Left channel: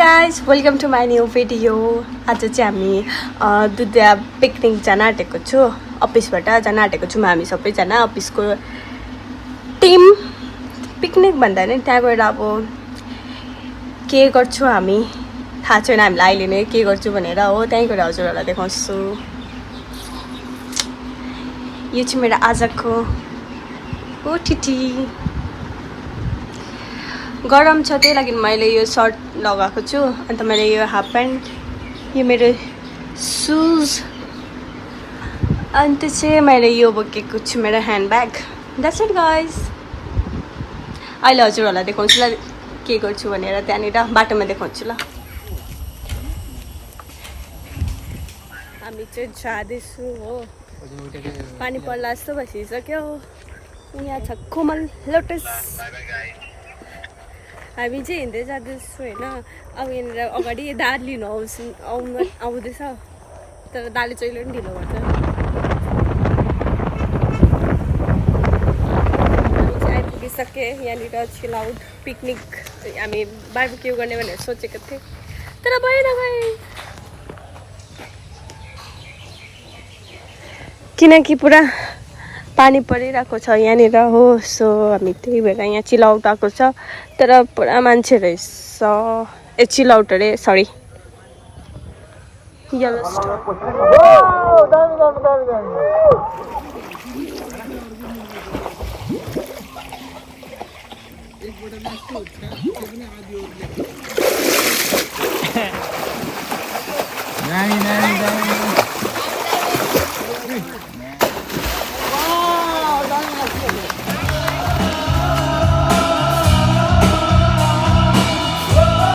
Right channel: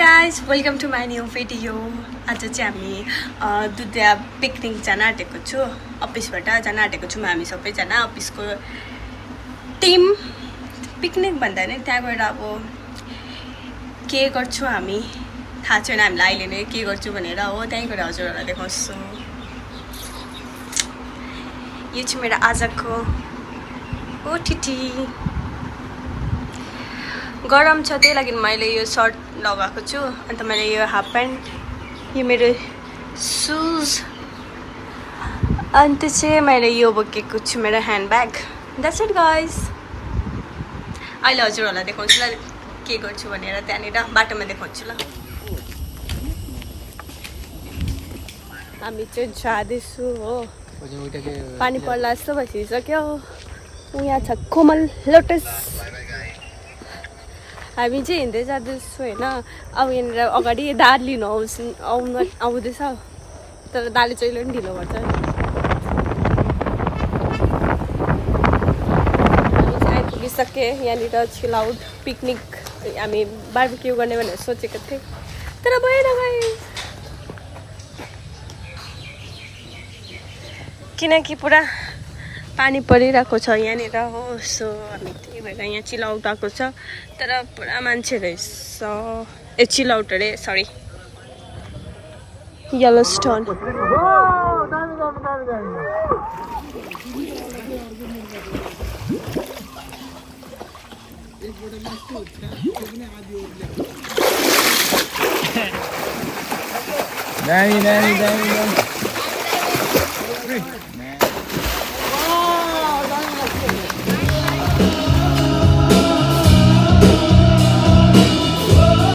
guys, welcome to my new video. आज चाहिँ हामी दुईटा पिकनिक जान आँटेको छु अफिसबाट जान आँटेको छौँ हामी सबैजना अफिसको टिम पिकनिक भन्दा नि त्यहाँ गएर अब के गर्छु हामी थाहा छैन हामीलाई अहिले नै के गर्छु भनेर हो त्यही गएर हजुरहरूलाई देखाउँछु यो चाहिँ मेरो आजको ओटिटी गरम छ त्यही लागि मैले यो सर्ट लगाएको छु अन्त मैले यो हाफ प्यान्ट यो मेरो सुज अन्त चाहिँ मैले यो बोकेको छु मेरो ह्यान्डब्याग द्याट्स इट गाइस अहिले हजुरहरूलाई देखाउँछु ल के गर्छु भनेर त्यहाँनिर बाटोमा देखाउँछु ल हामी चाहिँ जाँदैछु हो पानी पर्ला जस्तो भइसक्यो यहाँ छ कोमल लोटस हामी चाहिँ हिँड्दै जाँदैछु होइन अब यहाँनिर अगाडि दाद लिनु आउँदैछ तर दाले चाहिँ पनि ढिलो गर्छ हामी चाहिँ आइपुगिसके यहाँनिर चिल आउट पिकनिक हामी बार्बिक्यू गर्ने भनेर सोचेको थिएँ तर भएन गए किनकि पुरा पानी परिरहेको छ यहाँनिर हो सो हामी त्यही भएर यहाँ चिल आउट आएको छ तर पुरा मान्छे रहेछ ए चिल आउट अरे सरी येलो स्टोन